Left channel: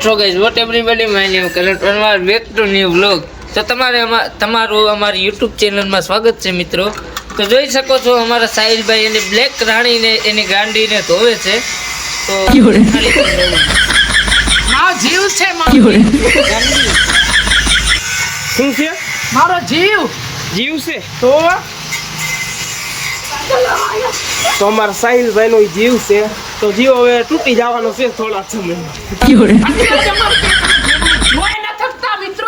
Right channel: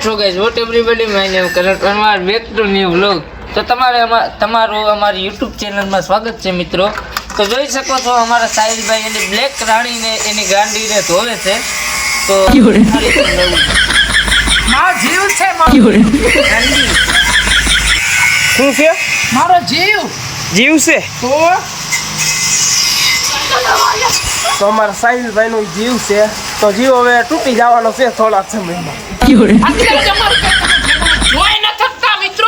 Alright, so guys, what everybody, my name is Karan Panwar, back to new vlog. તો તમારું અમારી YouTube ચેનલમાં સ્વાગત છે મિત્રો. તો જોઈ શકો છો અમારા સાહિલભાઈ એને બ્લેક રાણીને એની ગાંડીને ધોવે છે. તો મારો જીવ છે શું છે મારો જીવ છે તો અમારા સાહિલભાઈ નો જીવ છે તો જીવ હવે તૂટી જવાનો છે થોડા સમયમાં. મિત્રો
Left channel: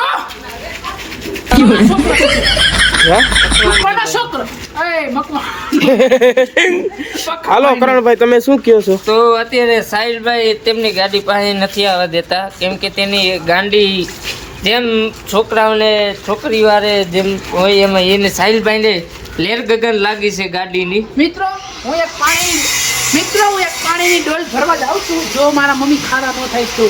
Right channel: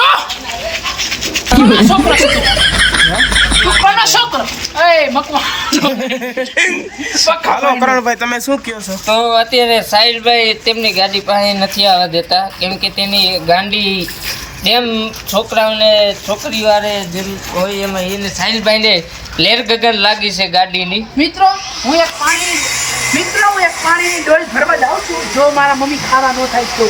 હાલો કરણભાઈ, તમે શું કહો છો? તો અત્યારે સાહિલભાઈ તેમની ગાડી પાસે નથી આવવા દેતા, કેમ કે તેની ગાંડી જેમ છોકરાઓને છોકરી વાળે જેમ હોય એમાં એને સાહિલભાઈને લેર ગગન લાગી છે ગાડીની. મિત્રો હું એક પાણીની ડોલ ભરવા જાઉં છું, જો મારા મમ્મી ખારા ન થાય તો.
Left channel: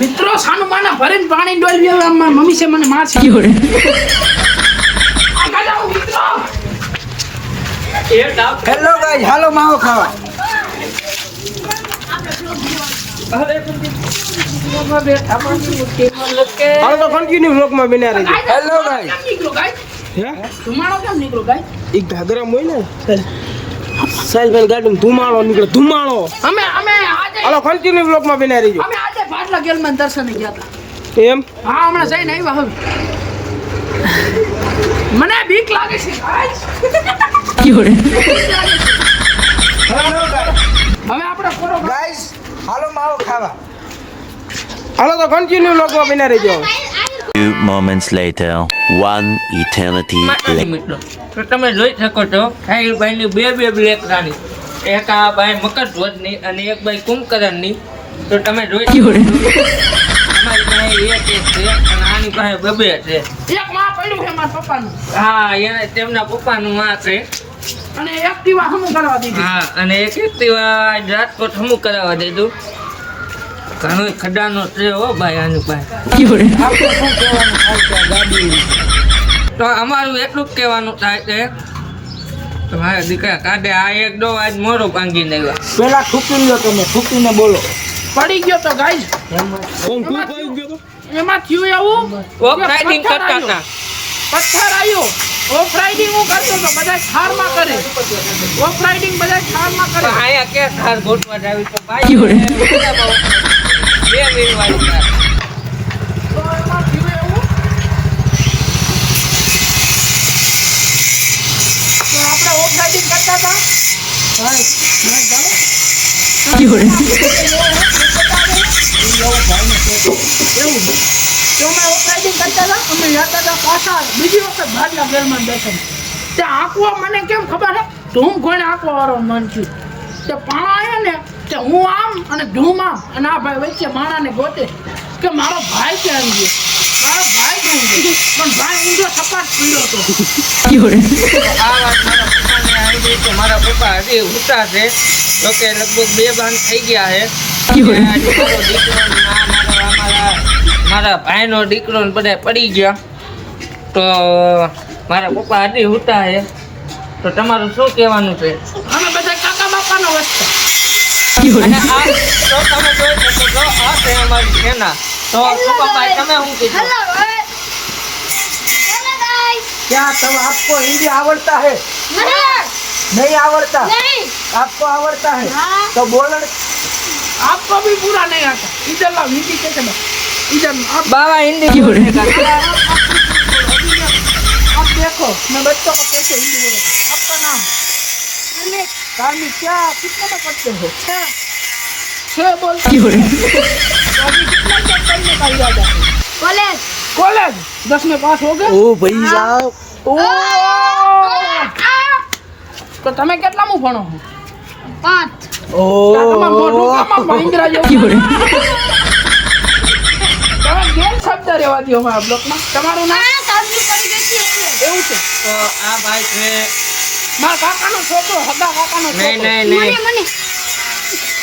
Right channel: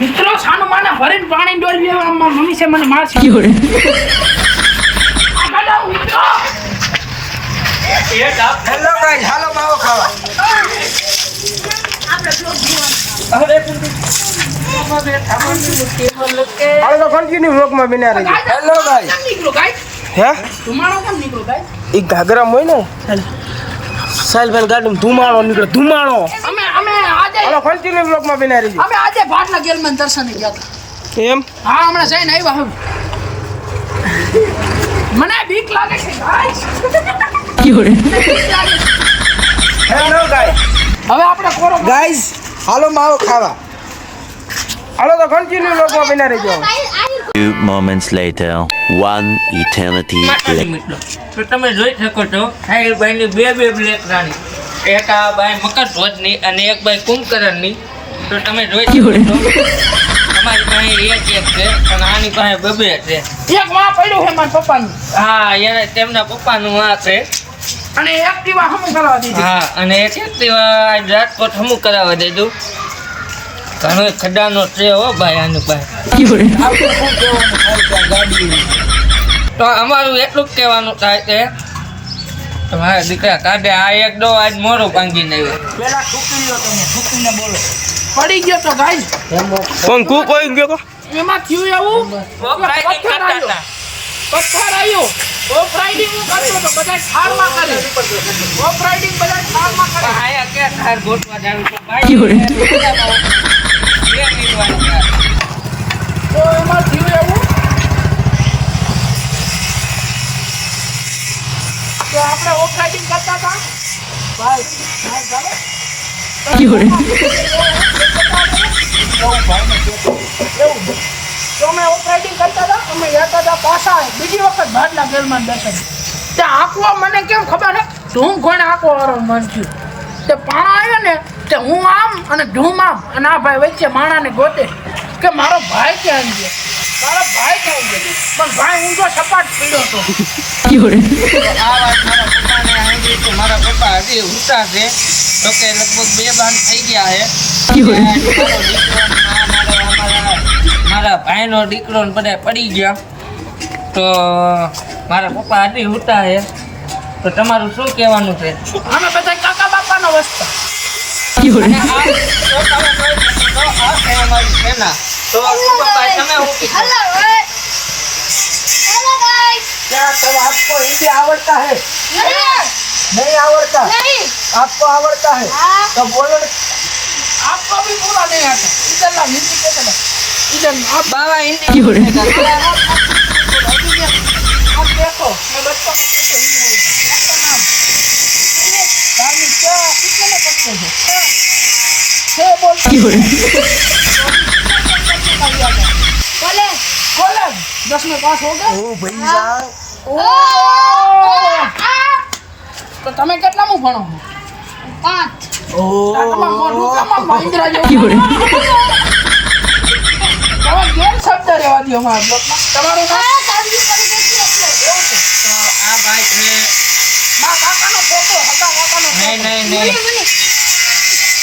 મિત્રો સાનું માના ભરીને પાણી ડોલ મમ્મી છે મને મારશે. હેલો ગાઈસ, હાલો માવો ખાવા. હાલો તો કન્ટિન્યુ વ્લોગમાં બન્યા રહેજો. Hello guys. હે ધુમાડો કેમ નીકળો ગાઈસ? ઈ ઘાઘરા હોય ને સાહિલભાઈ ગાડીમાં ધુમાડો નીકળે, ધુમાડો. અમે આજે હાલો કન્ટિન્યુ વ્લોગમાં બન્યા રહેજો. અમે આજે ભાટલા ગેલમાં દર્શને ગયા હતા. એમ? હા, હમણાં જઈને આવ્યા. હવે મને બીક લાગે છે ગાઈસ. હવે આપણે કોરો ગાઈસ, હાલો માવો ખાવા. હાલો તો કન્ટિન્યુ વ્લોગમાં બન્યા રહેજો. Few moments later, one eternity later. તો તમે જોઈ શકો છો સાહિલભાઈની બે બ્લેક રાણી, એક આ ભાઈ મકરધ્વજની અને એક ભાઈ કુંભકરણની. તો તમે જોઈ શકો છો અમારી પાસે એક છે અને આની પાસે બે છે. એક માં પડ્યું છે મારા પપ્પાનું. હા, એને તેમના પપ્પાનું આ છે. અને એક્ટિવા હમું કરવા દીધી. હા, અને એક એક્ટિવા રાજકોટ હમું કરાવવા દેજો. ઘણો ખડાનો છે હો ભાઈ આની પાસે. આપણે શું કહેવાનું થાય છે આ ગાડી? તો અમારું એટલું જ કહેવાનું થાય છે તો મારા દીકરા કાઢે આ એક ડો આજ મોરો ભાંગીને આવ્યો. પેલા ઠૂકી લો, તમે ઠૂકીને બોલો. પડી ગયો તો ગાઈસ. કોણ કુ કોઈ ગયો? એમાં થયું એવું ઓફ રાઇડિંગ કરતા હતા. પથ્થર આવ્યો. ઓફ રાઇડિંગ હું કરતો તો બધા થારમાં કરે. ઓફ રાઇડિંગ બધા થારમાં કરે. આયા ક્યાં થાર ગોઠવા જાવી તો ભાઈ બે મિનિટ તો એમાં થયું એવું તો આપણે ઓફ રાઇડિંગ કરતા હતા ભાઈ. ના ચાલો એવું તો અમે ઓફ રાઇડિંગ કરતા હતા. અમે જતા હતા પાછા બીજી વખત ભાટલા ગેલમાં દર્શન. ત્યાં આંકવા મને કેમ ખબર છે? ધૂમ કોઈને આંકવા વાળો મન થયું. તે પાણા આવ્યો ને તે હું આમ અને ધૂમ આમ અને આ ભાઈ વચ્ચે માણાને ગોતે કે મારો ભાઈ ક્યાં ગયો, મારો ભાઈ ક્યાં ગયો. પણ ભાઈ ઊંધો સપાટ પીડ્યો હતો. આ વાત મારા પપ્પા હજી ઉતા છે. તો કે લગભગ 2 બાંધ થઈ ગયા છે. મારા ભાઈનો દીકરો ને બધા પડી ગયા. તો મારા પપ્પા હજી ઉતા છે. તો તમારું શું કહેવાનું છે? અમે બધા કાકા બાપાનો વસ્તા. क्या तब आपको हिंदी आवड़ता है? नहीं आवड़ता? आपको आवड़ता है तो बोलो. आपको भी पूरा नहीं आता. इधर ला हिंदी कैसे बात? इधर आप बाबा हिंदी आप देखो मैं बच्चों को कैसे हिंदी बोलेगा. आपका नाम? स्वामी. क्या कितने में पढ़ते हो? छह बोलते कॉलेज. कॉलेज 10 में पास हो गए? ઓ ભાઈ સાહેબ, તો તમે કેટલામું ભણો છો? 5. તમે મોઢું કામ મહિન્દ્રા જેવું. તમે ગેર શબ્દ રહેવા દો અમારા બ્લોકમાં. તમારું નામ? એવું છે. તો આ ભાઈ છે મારા કાકાનો છોકરો, હગા કાકાનો છોકરો. નહીં.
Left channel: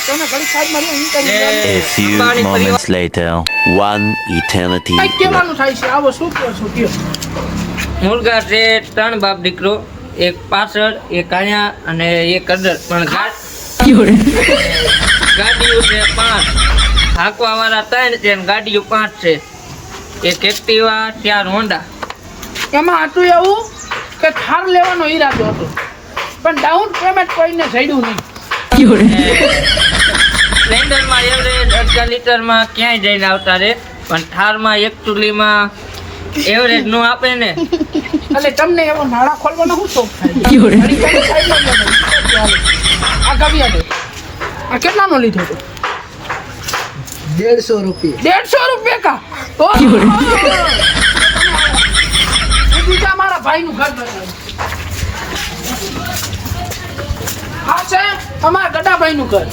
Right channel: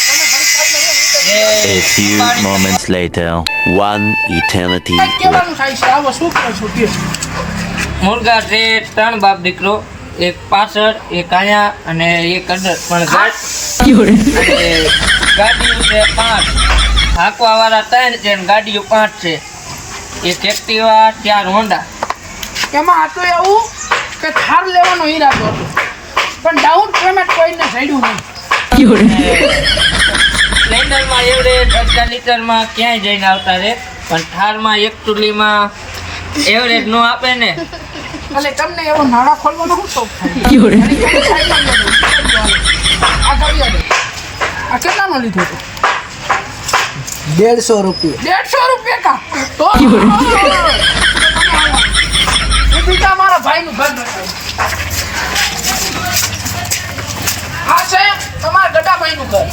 તમે ઘડી સાઈડમાં રહ્યો, હું કરી A few moments later, one eternity કઈ later. કહેવાનું થાય છે? આવો શું કહો છો કયો? મુર્ગા છે 3 બાપ દીકરો, એક પાછળ, એક અહીંયા અને એક અડર. પણ ગાડીઓ છે 5, હાંકવા વાળા 3 છે અને ગાડીઓ 5 છે. એક એક્ટિવા, 4 હોન્ડા. એમાં હતું એવું કે થાર લેવાનો ઈરાદો હતો, પણ ડાઉન પેમેન્ટ કોઈને જડ્યું નહીં. સ્પ્લેન્ડરમાં એવરેજ 18 લીટરમાં ક્યાંય જઈને આવતા રહે, પણ થારમાં એક ચૂલીમાં એવરેજ ન આપે ને. એટલે તમને એવો નાળા ખોલવાનો શું શોખ થાય? આ ગાડી આવે. આ કેટલાનો લીધું હતું? 150 રૂપિયા. 150 રૂપિયા કા? તો હું બીજા મારા ભાઈનું ઘર બતાવું. આ છે અમારા ગડાભાઈનું ઘર.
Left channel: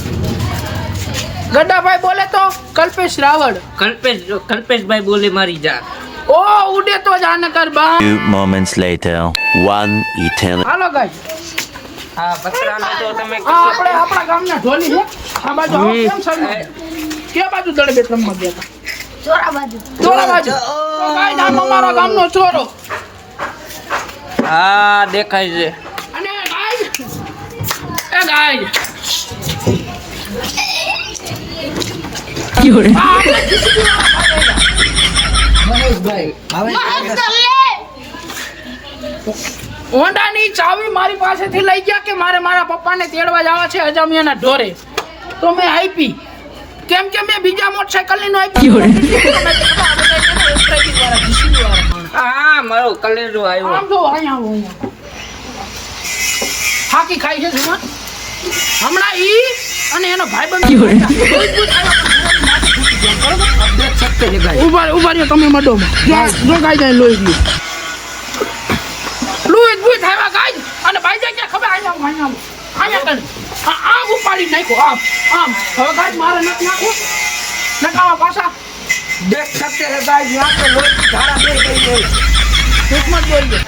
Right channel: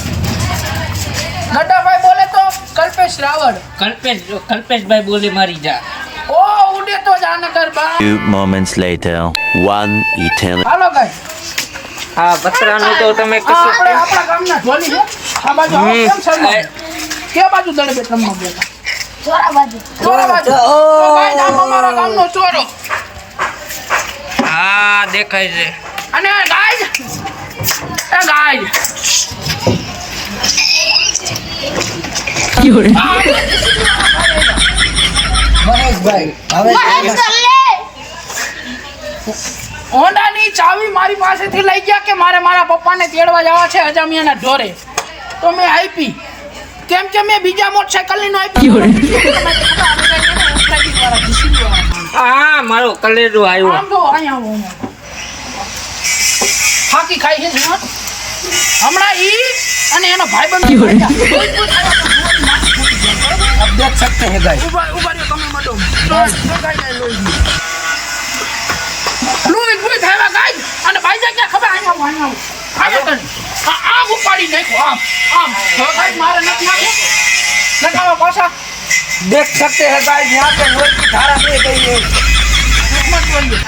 ગડાભાઈ બોલે તો કલ્પેશ રાવળ. કલ્પેશભાઈ બોલી મારી જા. ઓ ઉડે તો જાને કર બા. 2 moments later. 1 eternity. હાલો ગાય. હા, બકરાનું તો તમે આપણે આપણા ગામના ઢોલી છે. આ બાજુ આવો કેમ શરમાય? કે બાજુ દડબે રમવા ગયા હતા? ચોરા બાજુ. તો ગાય નામ અમારા ગામનો ચોરો. હા, દેખાય છે. અને ગાય એ ગાય મહેશભાઈ હવે હોન્ડાની ચાવી મારી પાસેથી લઈ ગયા કે મારે મારા પપ્પાને તેડવા જવા છે અજામિયાના ઢોરે. તો મેં આપી. કેમ કે મેં બીજા મોટરસાઇકલની નો આપી. હા, મારો કલેજો આવ્યો. આમ જો અહીંયા આવો. ફાકી ખાઈ છે ને? હમણાં ઈ અને એનો ભાઈબંધ आप देख सकते हैं गाइस. ઉભા રહ્યો તમે મડો. જો ગાય જાય લોહી ગયું. લોહી ગયું થાય ગાય. અને ભાઈ જાય ક્યાં ખબર? અહીંયા કરી આમ ઉપાડી નાખો. આમ હવે ગાય મારે નથી નાખે. નકાવા પાછા देख सकते हैं गाइस यहाँ पे लोग की धारा दे गई है. कितना बोलिए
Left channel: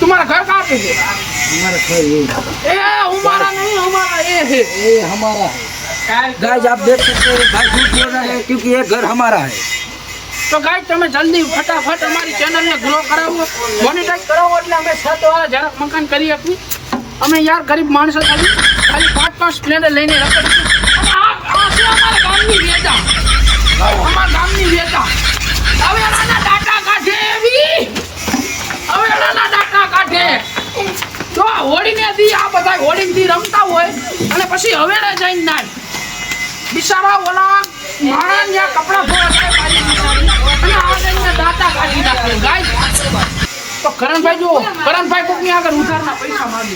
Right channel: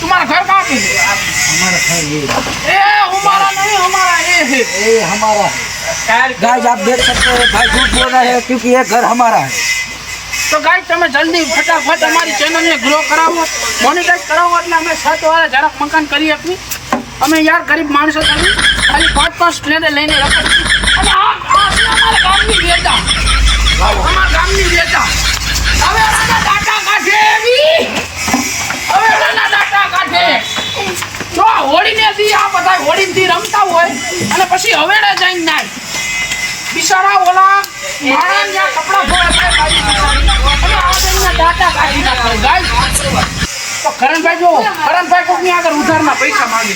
तुम्हारा घर कहाँ पे है? हमारा है ये हमारा नहीं, हमारा ये है. ये हमारा है गाइस. आप देख सकते हैं भाई झूठ बोल रहे हैं क्योंकि ये घर हमारा है. તો ગાઈસ તમે જલ્દી ફટાફટ અમારી ચેનલને ગ્રો કરાવો, મોનેટાઈઝ કરાવો એટલે અમે 7 વાળા જરાક મકાન કરી શકીએ. અમે યાર ગરીબ માણસો ખાલી 5 સ્પ્લેન્ડર લઈને રખડી. અને આ છે અમારા ગામની વેતા. અમારા ગામની વેતા. હવે નાના ડાટા કાઢે એવી. હવે નાના ડાટા કાઢે. જો હોડીને દી આ બધા હોડીથી રમતા હોય અને પછી હવેડે જઈને નાય. બિચારા ઓલા માણસના કપડા ફોડે અને આગળના દાંતા કાઢી નાખે ગાય. તો કરણભાઈ જો કરણભાઈ કોકની આગળ ઉધારના પૈસા માંગે.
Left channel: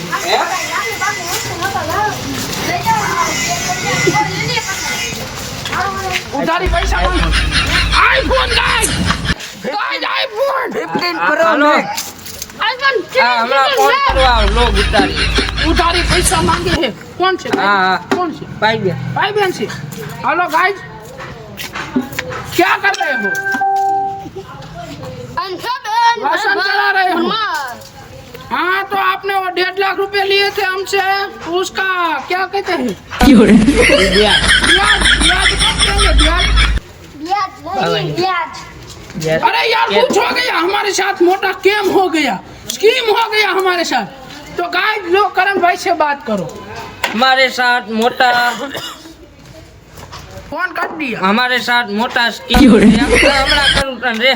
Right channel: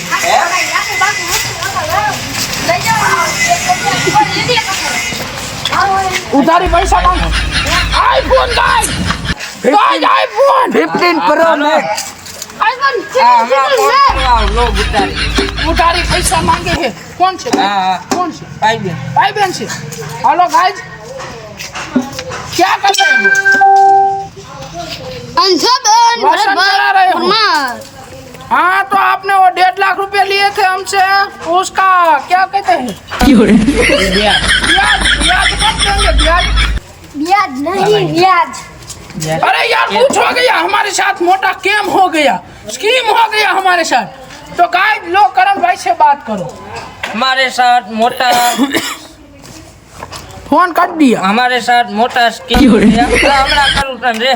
ઉધારી પૈસા માંગે. આઈફોન ગાય આઈફોન 15 Pro Max. ઉધારી પૈસા માંગે છે. કોણ છે? कौन से? भाई बहन से. हेलो गाइस, क्या कर रहे हो? भाषण चला रहे हो? हाँ, तो आपने वो 1.5 लाख रुपए लिए थे हमसे, उसका क्या कहते हैं? ब्याज. ब्याज कब देंगे? ब्याज नहीं ब्याज. अरे यार कुछ हो गया हमारे साथ, मोटा कैम हो गया, स्कीम हो गया हमारे साथ. तो गाइस लो करण भाई से बात करो. हमारे साथ मोटा फोन कर दिया. हमारे साथ मोटा स्कीम हमारा करूँ रे.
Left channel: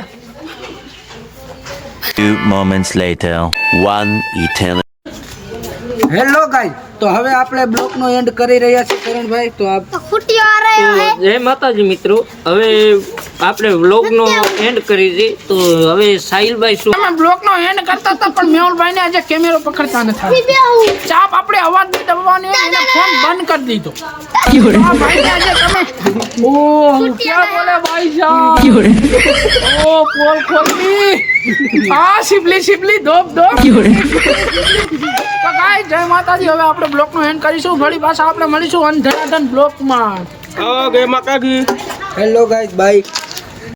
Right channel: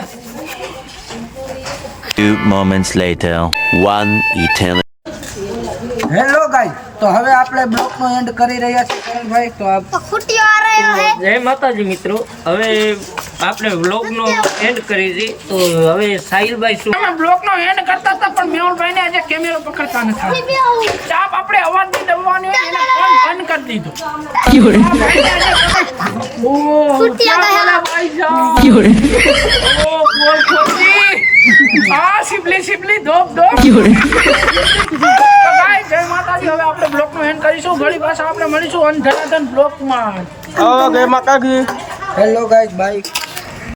2 moments later. 1 eternity. Hello guys, તો હવે આપણે બ્લોક નો એન્ડ કરી રહ્યા છીએ કરણભાઈ. તો આપ तो फुटी आ रहे हैं. જય માતાજી મિત્રો, હવે આપણે વ્લોગનો એન્ડ કરી દઈએ. તો હવે સાહિલભાઈ શું અમે બ્લોક નો એન્ડ કરતા હતા પણ મેહુલભાઈ ને આજે કેમેરો પકડતા નથી. ચાપ આપણે અવાજ ની દબાવવાની હોય એના ફોન બંધ કરી દીધો. ઓ क्या बोला भाई साहब? ओ पोल खोली. हाँ शिबली धोप. તો ગાઈસ જય માતાજી. હવે આપણે બ્લોક નો એન્ડ કરીશું. ઘણી પાછા આપણે મળીશું અંધરાધન બ્લોક માં. Hello guys, by.